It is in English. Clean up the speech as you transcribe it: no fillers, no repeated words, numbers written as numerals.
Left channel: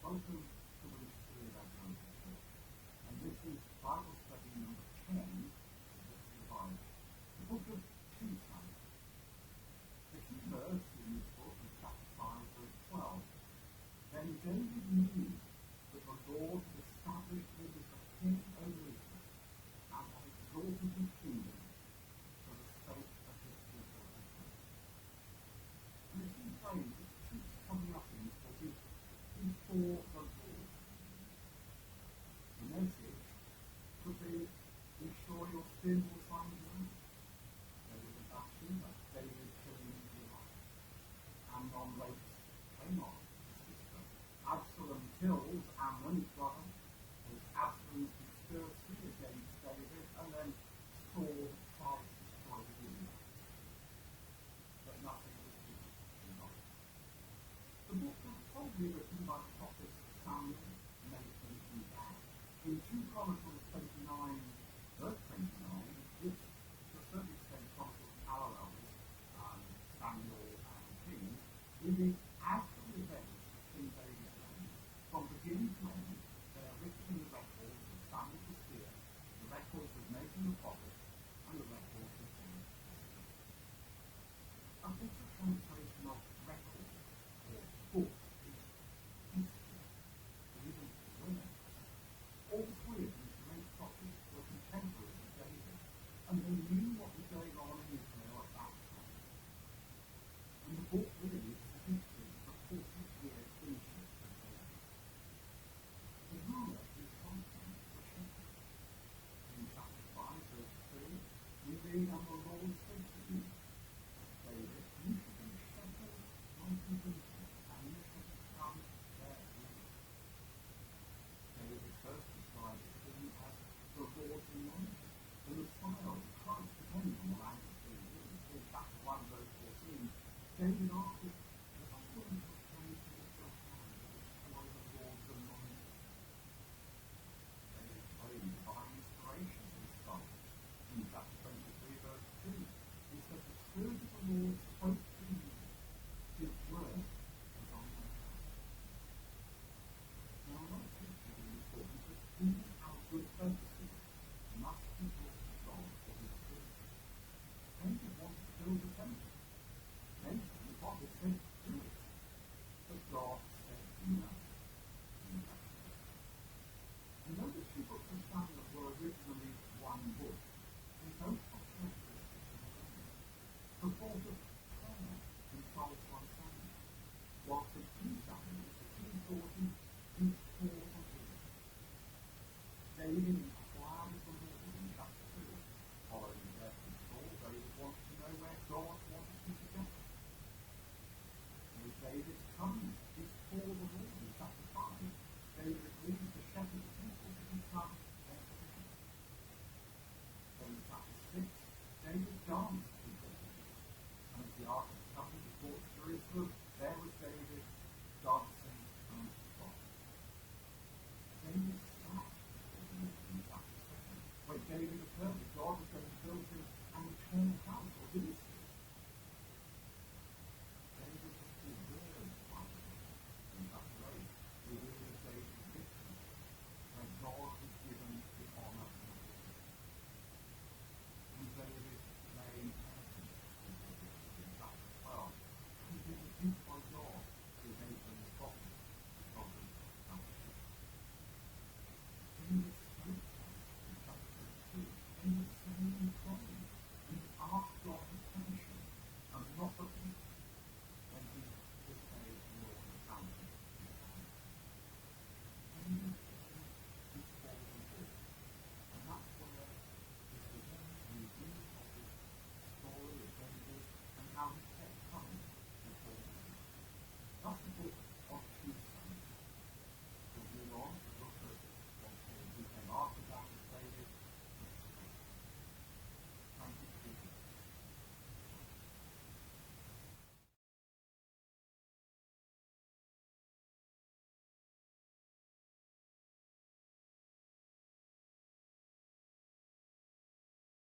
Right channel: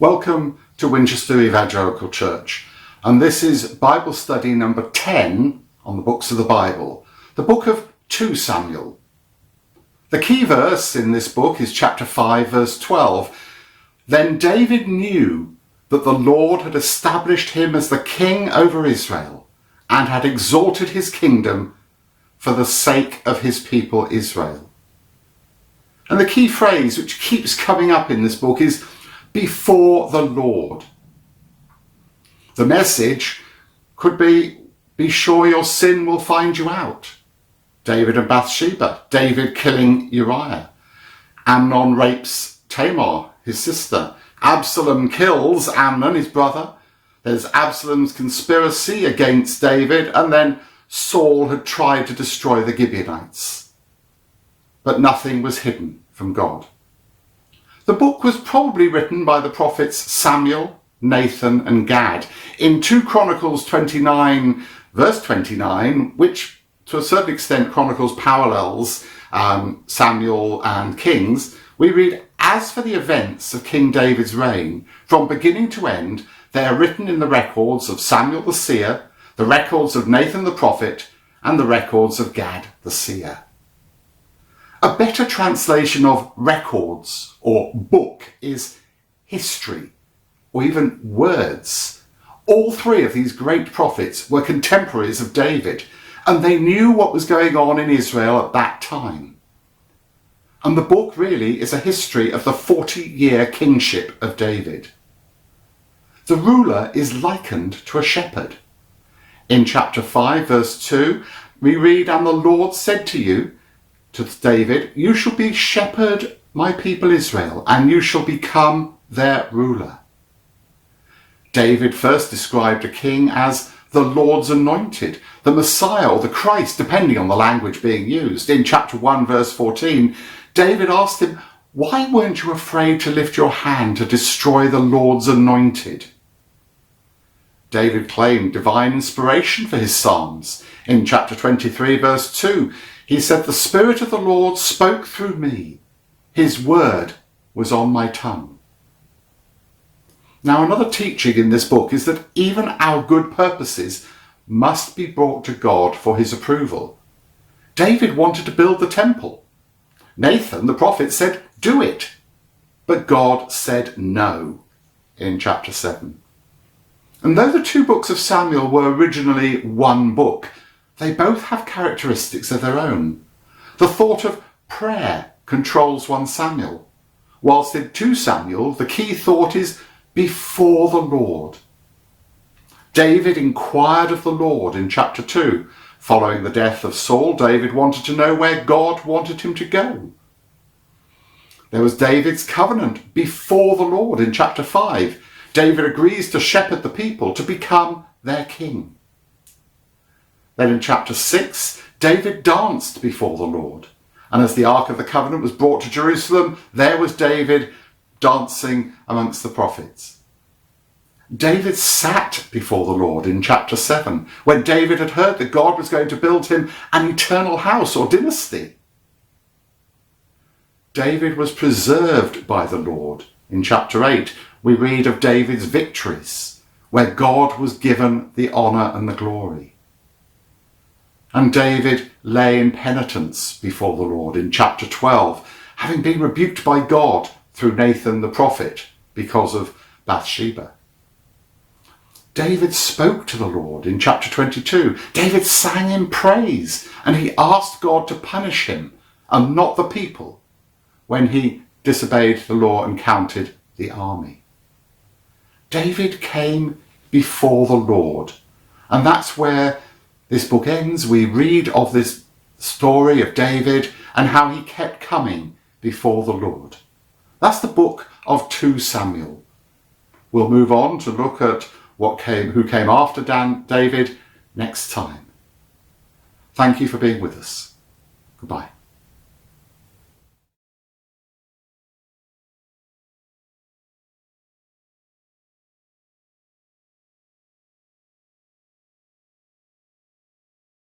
Welcome to Winchester Evangelical Church, and this is Bible study number 10 on the books of the Bible, the book of 2 Samuel. The key verse in this book is chapter 5 verse 12. Then David knew that the Lord had established him as the king over Israel and had exalted his kingdom for the sake of his people Israel. And the key phrase which keeps coming up in this book is before the Lord. The message could be sure your sin will find you out. David and Bathsheba, David killing Uriah. Amnon rapes Tamar, his sister. Absalom kills Amnon, his brother. There's Absalom's conspiracy against David, and then Saul had tried to destroy the Gibeonites. But nothing was hidden from God. The book was probably written by the prophets Samuel, Nathan and Gad. In 2 Chronicles 29 verse 29, which to a certain extent chronicles parallels Samuel and Kings, we read, as for the events of King David's reign, from beginning to end, they are written in the records of Samuel the seer, the records of Nathan the prophet, and the records of Gad the seer. A better translation of records or book is history, or even words. All 3 of these great prophets were contemporaries of David, and they knew what was going on in Israel at that time. And the book really is a history of the 40-year kingship of David. The ruler is likened to a shepherd. In chapter 5 verse 2, we read, and the Lord said to David, you shall be shepherd my people Israel, and you shall become their ruler. David first described a king as the Lord's anointed, the Messiah or the Christ, depending on the language being used. In chapter 1 verse 14, David asked him, why weren't you afraid to lift your hand to destroy the Lord's anointed? David claimed divine inspiration for his psalms. In chapter 23 verse 2, he said, the Spirit of the Lord spoke through me. His word was on my tongue. Now, another teaching in this book is that even our good purposes must be brought to God for his approval. David wanted to build the temple. Nathan, the prophet, said, do it. But God said no in chapter 7. And though the 2 books of Samuel were originally one book, they both have characteristics of their own. The thought of prayer controls 1 Samuel, whilst in 2 Samuel the key thought is before the Lord. David inquired of the Lord in chapter 2. Following the death of Saul, David wanted to know where God wanted him to go. There was David's covenant before the Lord in chapter 5. David agrees to shepherd the people to become their king. Then in chapter 6, David danced before the Lord. And as the Ark of the Covenant was brought to Jerusalem, there was David dancing amongst the prophets. David sat before the Lord in chapter 7, when David had heard that God was going to build him an eternal house or dynasty. David was preserved by the Lord. In chapter 8, we read of David's victories, where God was given the honour and the glory. And David lay in penitence before the Lord in chapter 12, having been rebuked by God through Nathan the prophet because of Bathsheba. David spoke to the Lord in chapter 22. David sang in praise, and he asked God to punish him and not the people when he disobeyed the law and counted the army. David came before the Lord, and that's where this book ends. We read of this story of David and how he kept coming before the Lord. That's the book of 2 Samuel. We'll move on to look at who came after David next time. Thank you for being with us. Goodbye.